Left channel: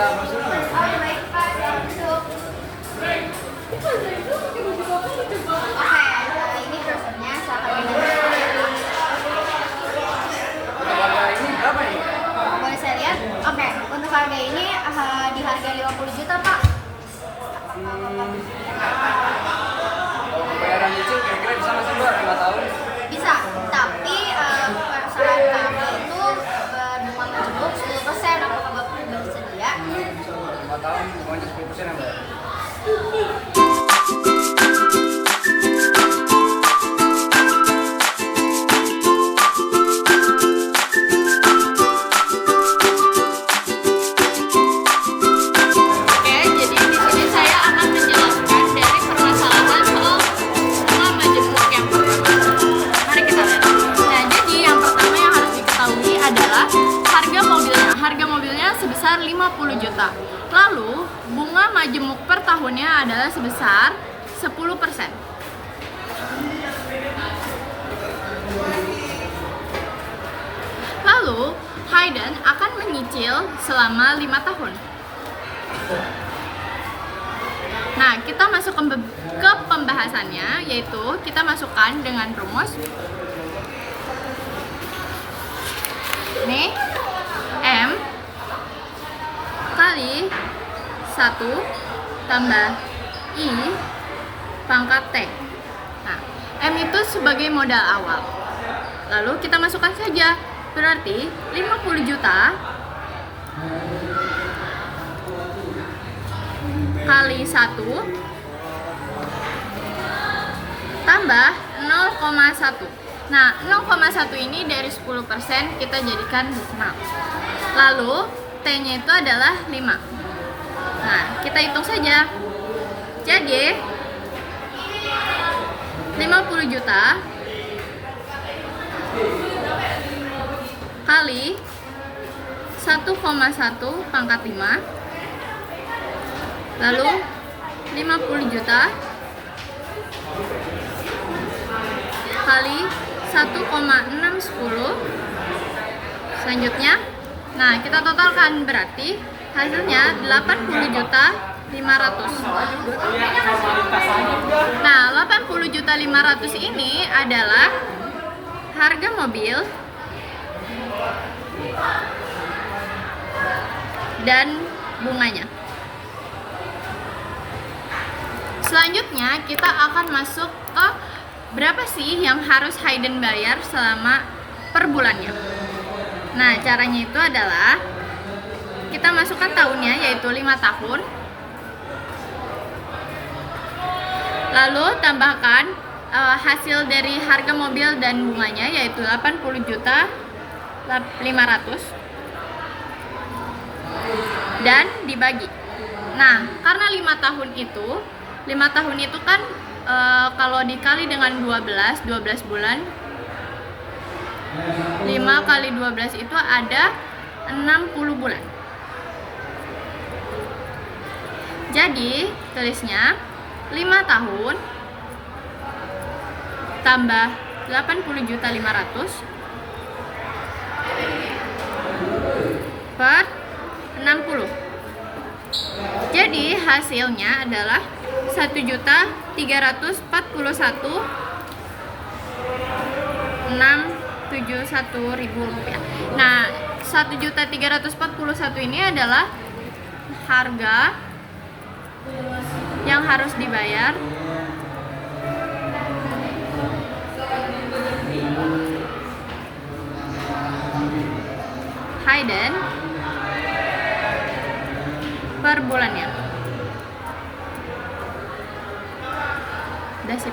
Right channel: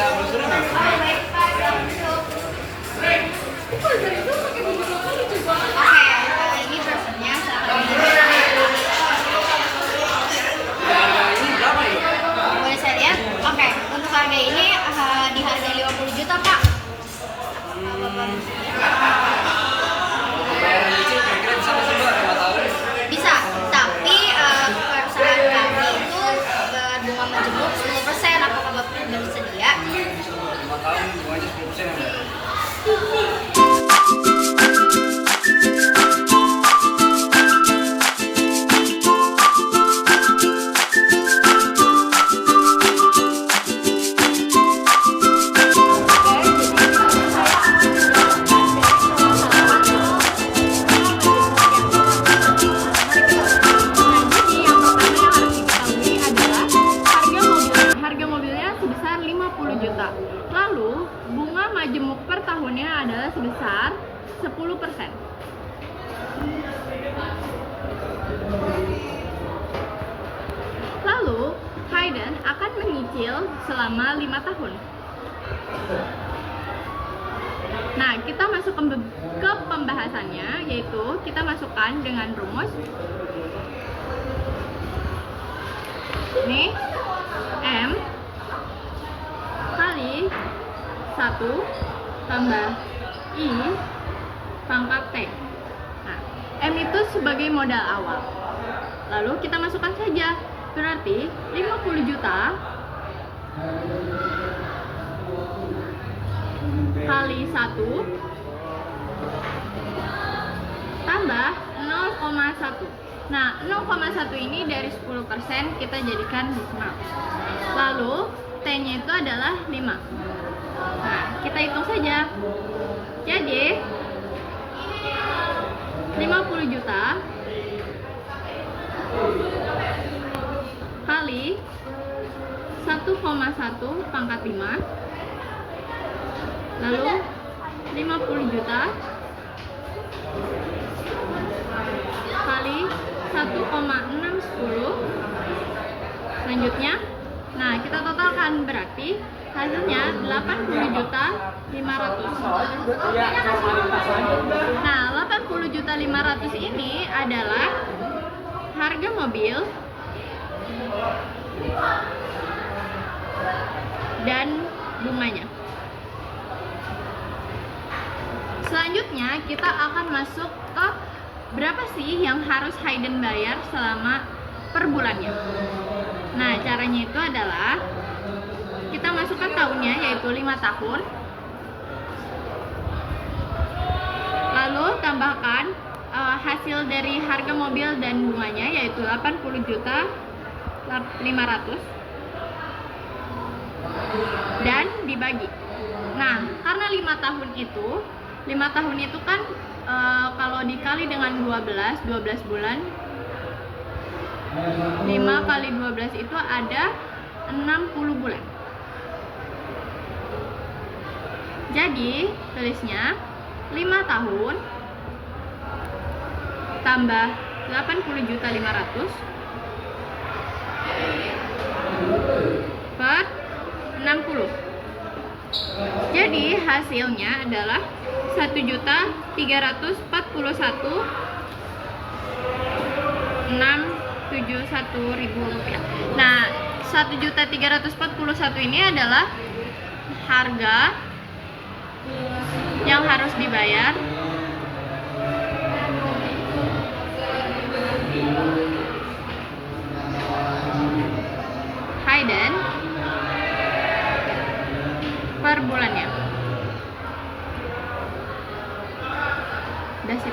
minta brosur nggak? Oke, ini brosurnya silakan Harga ini berapa nih? boleh saya lihat? Oke, untuk harga ini di harga 50 juta Pak. Bayaran itu kira-kira bisa masuk 2 tahun. Bisa, tapi perusahaan kami itu berbunga majemuk 10%. Apakah Bapak sudah bersedia? 5 tahun bunganya 10% ya, Mbak? Oke, jadi di sini saya akan menjelaskan dari permasalahan soal bunga majemuk yang mari kita lihat. Nah, jadi yang pertama yang harus diketahui adalah harga mobilnya. Harga mobilnya sebesar 50 juta. Lalu, bunga majemuk per tahunnya adalah sebesar 10%. Lalu, Hayden akan menyicil selama 5 tahun. Nah, kita masuk ke pembahasannya, yaitu kita masukkan dengan rumus ini M kali 1 tambah I pangkat T. Nah, M itu sebagai modal awal. Lalu kita masukkan saja, berarti 50 juta kali 1 tambah 0,1. Nah, 0,1 ini dari 10% kita jadikan desimal. Lalu T-nya itu adalah 5. Nah, kita hitung saja. Jadi 50 juta kali 1,1 pangkat 5, lalu 50 juta kali 1,610, selanjutnya, nah kita totalkan, berarti hasilnya 80 juta 500. Nah, 80 juta 500 ini adalah harga mobil dan bunganya. Selanjutnya kita akan masuk ke berapa sih yang harus Hayden bayar selama per bulannya. Nah, caranya itu adalah kita masukkan tahunnya, yaitu 5 tahun. Lalu tambahkan hasil dari harga mobil dan bunganya, yaitu 80 juta 500, dan dibagi. Nah, karena 5 tahun itu kan kalau dikali dengan 12 bulan, 5 kali 12 itu ada 60 bulan. Jadi tulisnya 5 tahun tambah 80 juta 500 per 60. Jadi hasilnya adalah 1.341.671 rupiah. Nah, 1.341 ini adalah harga yang harus dibayar Hayden per bulannya. Udah sip.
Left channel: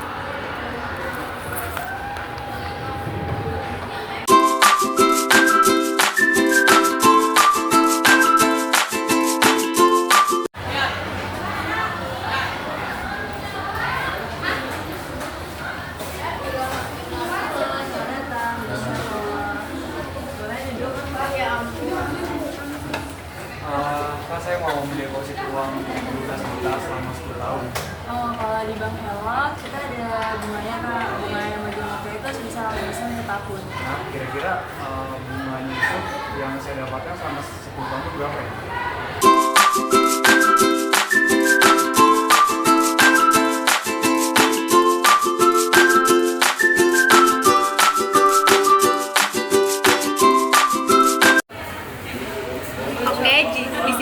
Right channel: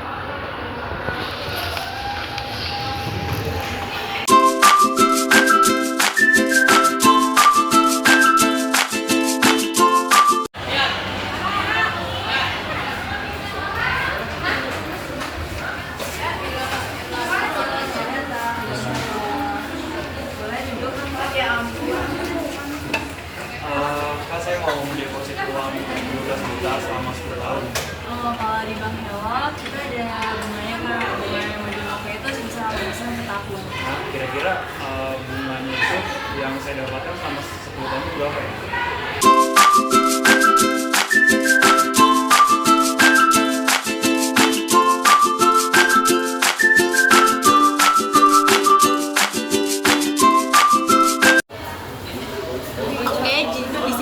Kan saya mau mendeposit uang 12 juta selama 10 tahun. Kalau di Bank Hello kita ada bunganya Kak, bunga yang majemuknya itu sebesar 8% per tahun. Nah, kira-kira bunganya itu yang saya dapatkan selama 10 tahun itu berapa ya?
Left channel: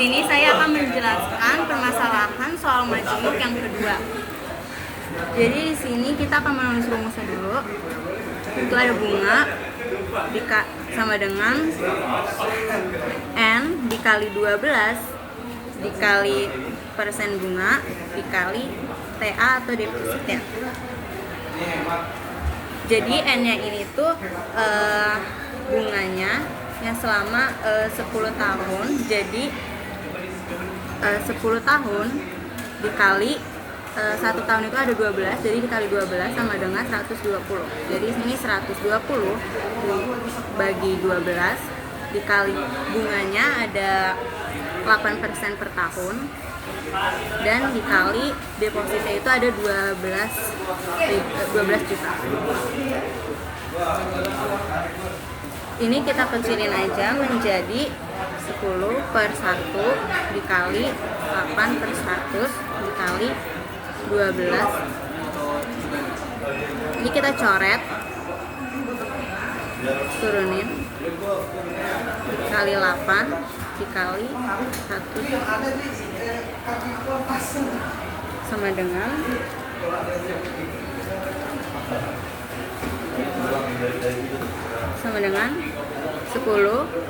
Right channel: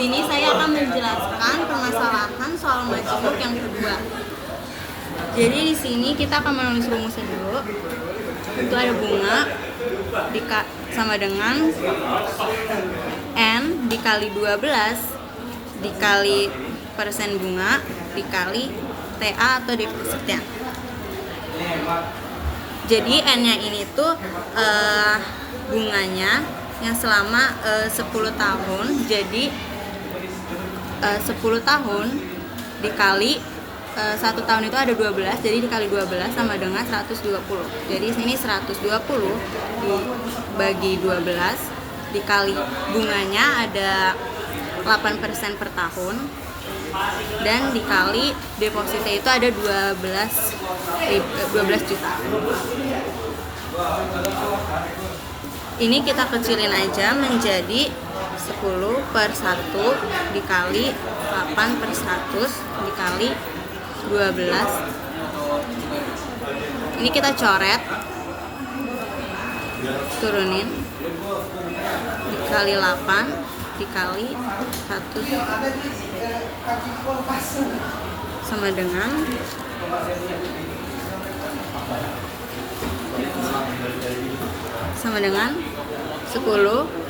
sini saya akan menjelaskan permasalahan soal majemuk yang kedua. Jadi di sini kita akan menulis rumusnya dulu. Itu ada bunga sama dengan N dikali 12 dikali persen bunga dikali TA atau depositnya. Jadi N-nya ini tuh bunganya yang selama 10 tahun. Jadi 10 tahun dikali 1 tahun itu ada 12, jadi dikali 12 sama dengan 120. Jadi sini 120 dibagi 12 dikali bunganya ada 8% per tahun, dan dikali depositnya itu ada 12 juta. Ini kita kecilin aja menjadi 10 per 1 dikali 8 per 100 dikali 12. Ini kita coret, turunin, dikali 8 dikali 1 sama dengan 10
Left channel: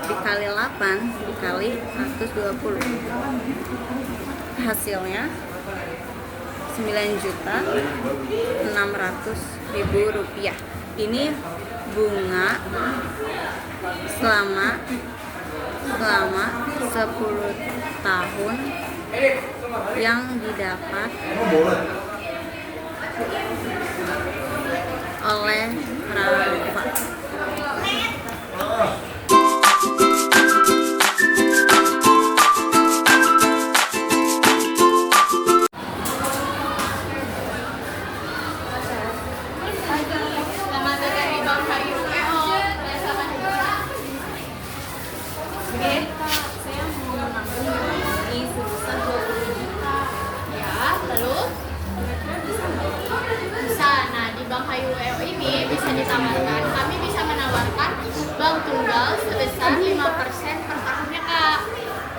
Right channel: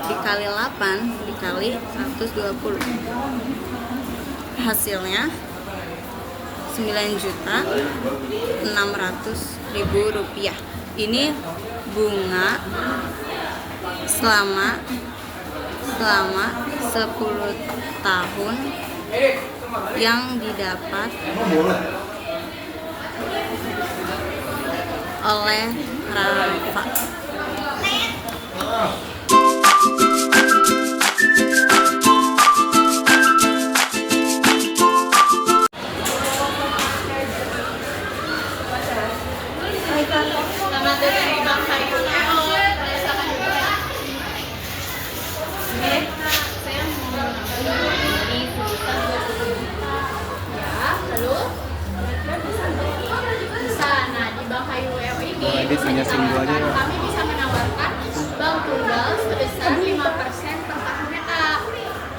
dikali 8 dikali 120. Hasilnya 9.600.000 rupiah. Ini bunga selama 10 tahun yang didapat oleh Rafa. Selamat datang di Bank Hayu EO. Rasakan dulu ya. Oke, saya mau menabung ini sebesar 20 juta. Ya, lalu bisa. Nah, di Bank Hayu EO ini bisa ditawarkan, kami bisa menawarkan bank tunggal sebesar 5% per tahunnya, Kak.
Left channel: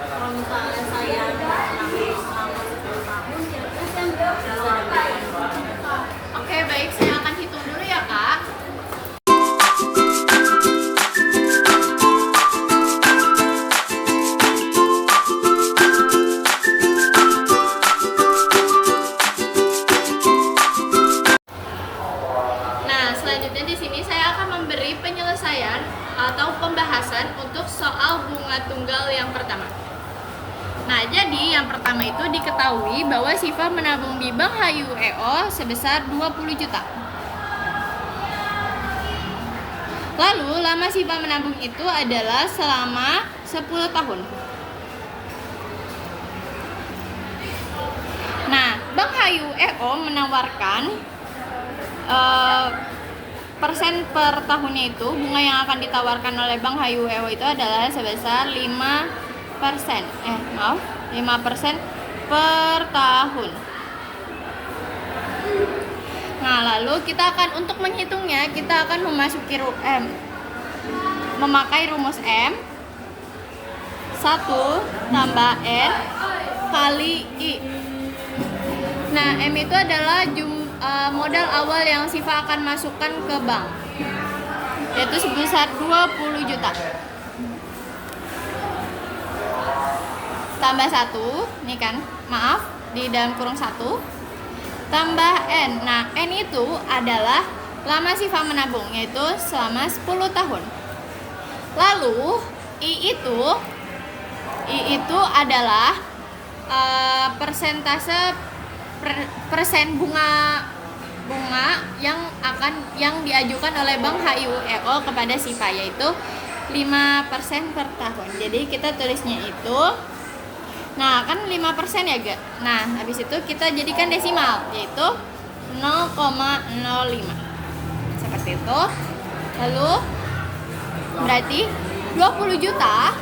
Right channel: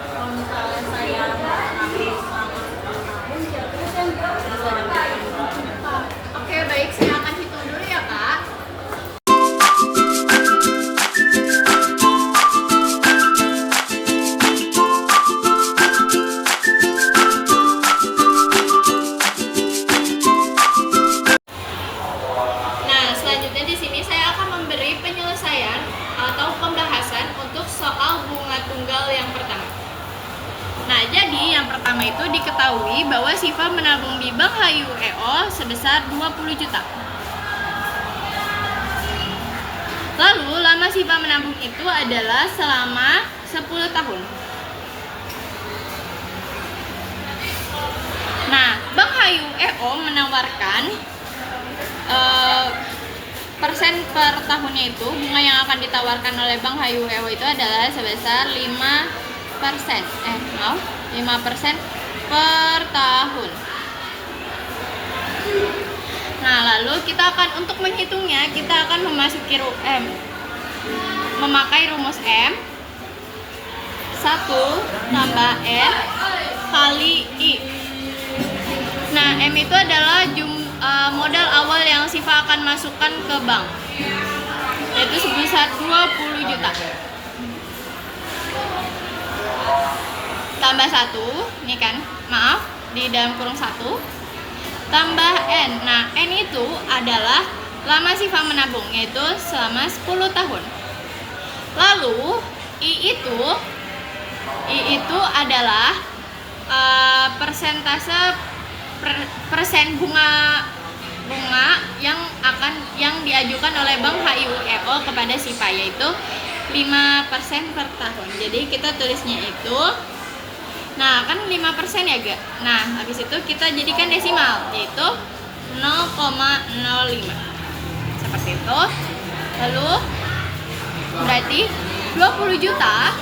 Kalau misalnya saya menabung selama 10 tahun, kira-kira saya bisa dapat berapa? Oke, baik, saya akan hitung dulu ya, Kak. Nah, selanjutnya di sini saya akan memberi penyelesaian atau pembahasan untuk soal bunga tunggal yang pertama. Nah, jadi yang pertama itu diketahui bahwa Siva menabung di Bank Hayu EO sebesar 20 juta. Lalu, lama Siva menabung itu adalah selama 10 tahun. Nah, Bank Hayu EO menawarkan persen per tahunnya itu, bunga yang akan ditawarkan oleh Bank Hayu EO itu adalah sebesar 5% per tahun. Nah, lalu kita akan, untuk menghitungnya, kita akan memakai rumus M 1 tambah N kali I. Nah, M itu adalah modal awal yang Siva akan masukkan ke bank, yaitu sebesar 20 juta. Tambah 1, ini kan, maaf, di dalam kurung 1, tambah N. Nah, N itu adalah lama Siva menabung, yaitu selama 10 tahun. Lalu, I itu adalah persentase persen bunga yang diajukan oleh Bank Hayu EO kepada Siva, yaitu 5% per tahun. Jadi kita tulisnya itu, nah kan 5% ya Gak? Nah habis itu kita jadikan desimal, yaitu 0,05 seperti itu. Lalu berarti 20 juta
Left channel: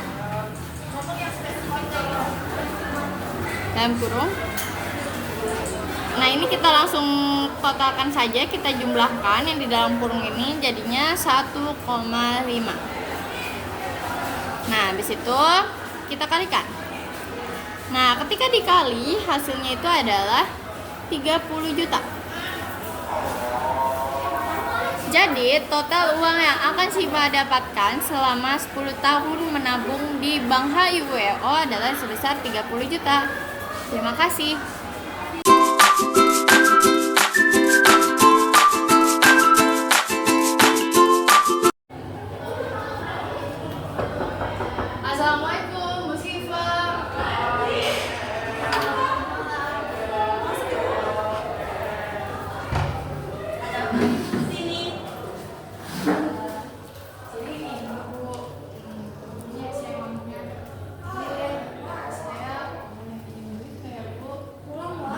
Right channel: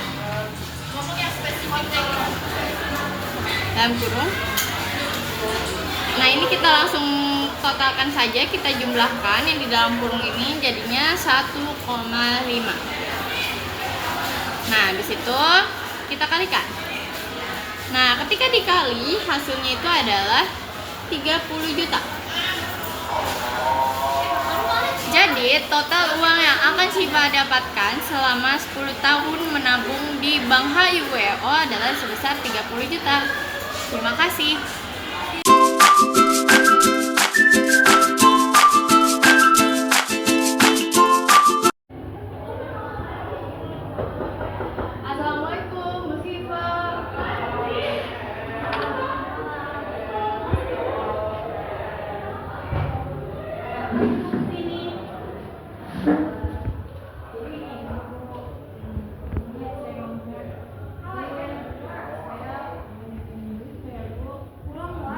dalam kurung. Nah ini kita langsung totalkan saja, kita jumlahkan yang di dalam kurung ini jadinya 1,5. Nah habis itu kita kalikan Nah, ketika dikali hasilnya itu adalah 30 juta. Jadi, total uang yang akan Syifa dapatkan selama 10 tahun menabung di Bank HIWO adalah sebesar 30 juta. Terima kasih. Assalamualaikum, Bu Syifa.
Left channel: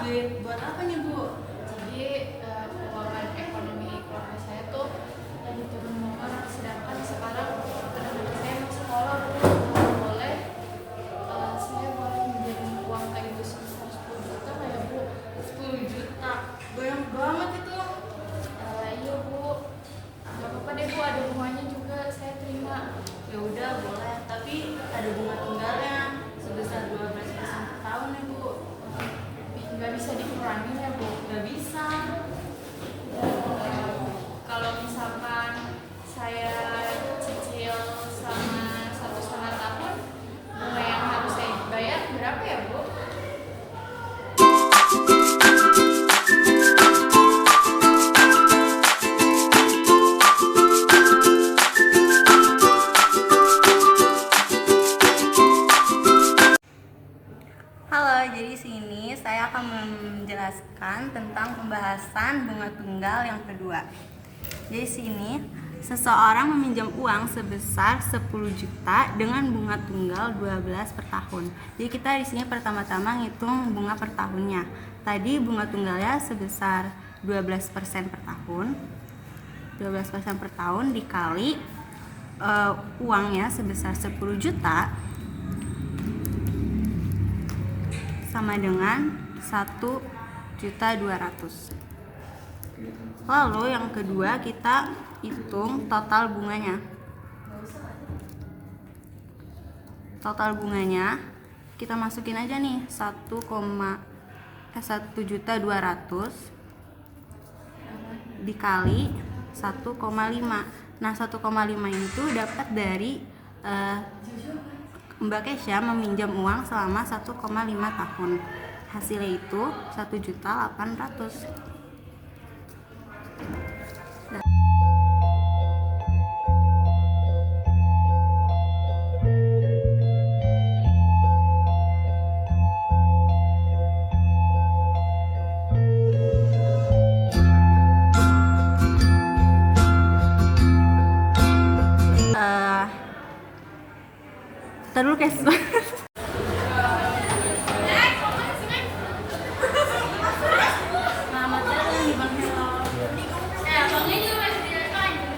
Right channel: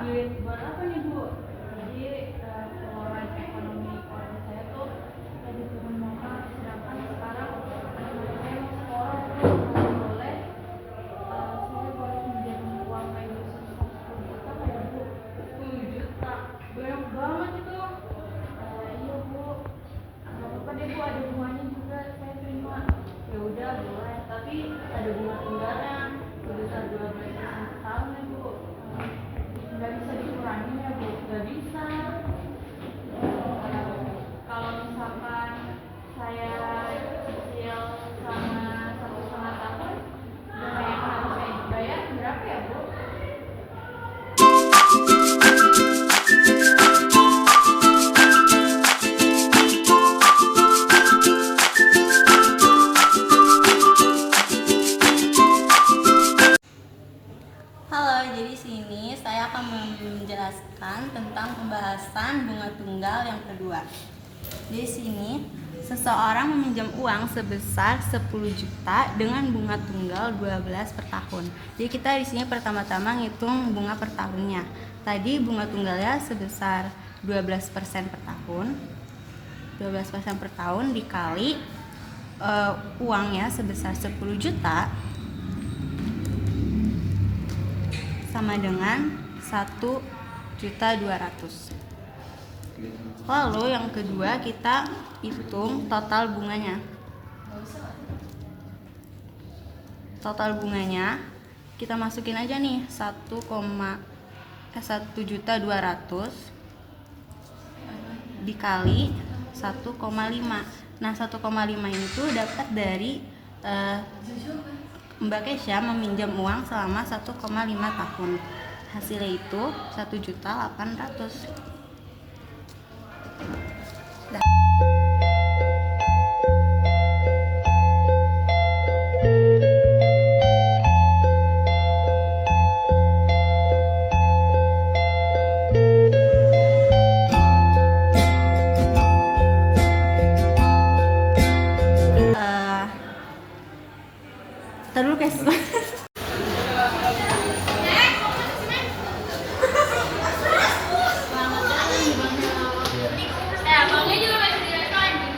Buat apa nih Bu? Jadi keuangan ekonomi keluarga saya tuh lagi turun banget, sedangkan sekarang teman-teman saya mau sekolah. Boleh saya boleh pinjam uang kayak gitu sebesar 10 juta kayak Bu? 10 juta. Banyak banget itu. Iya Bu, nggak apa-apa deh Bu, ada bunganya juga saya terima. Ya udah boleh, tapi ada bunga tunggalnya sebesar 12% per tahun ya Bu. Nggak bisa dikurangin ya Bu? Gak bisa. Kalau misalkan saya cicil selama 1,5 tahun, bunga yang harus saya bayar berapa ya Bu? Halo, jadi sini saya akan menjelaskan tentang pembahasan bunga tunggal yang kedua. Jadi sini seseorang meminjam uang sebesar 10 juta dengan bunga tunggal 12 per tahun. Jadi kita di sini pertama-tama ngitung bunga per tahunnya. Tadi bunga tunggalnya sebesar 12% per tahun. 12% per tahun dikali uangnya sebesar 10 juta sama dengan 1.200.000. Lalu yang kedua kita hitung total bunganya. Total bunganya kita masukin aja nih 1.200.000 dikali 1,5. Nah 1,5 ini tuh dapat dari Mbak Kesha meminjam uang selama 1,5 tahun. Hasilnya itu 1.800.000. Terus guys.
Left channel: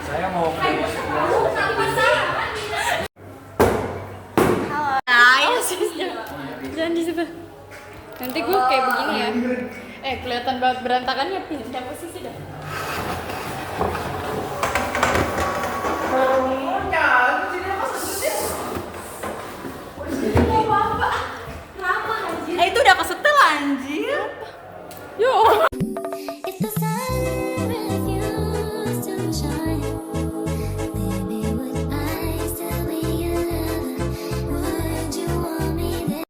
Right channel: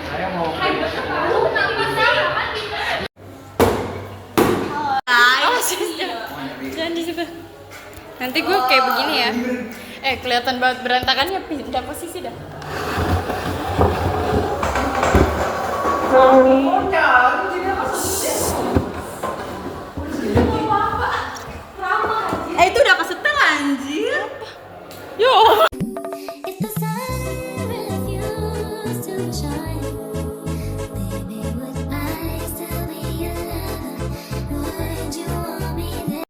Saya mau Jangan di situ. Nanti gue kayak begini ya. Kelihatan banget berantakannya, pindah posisi dah.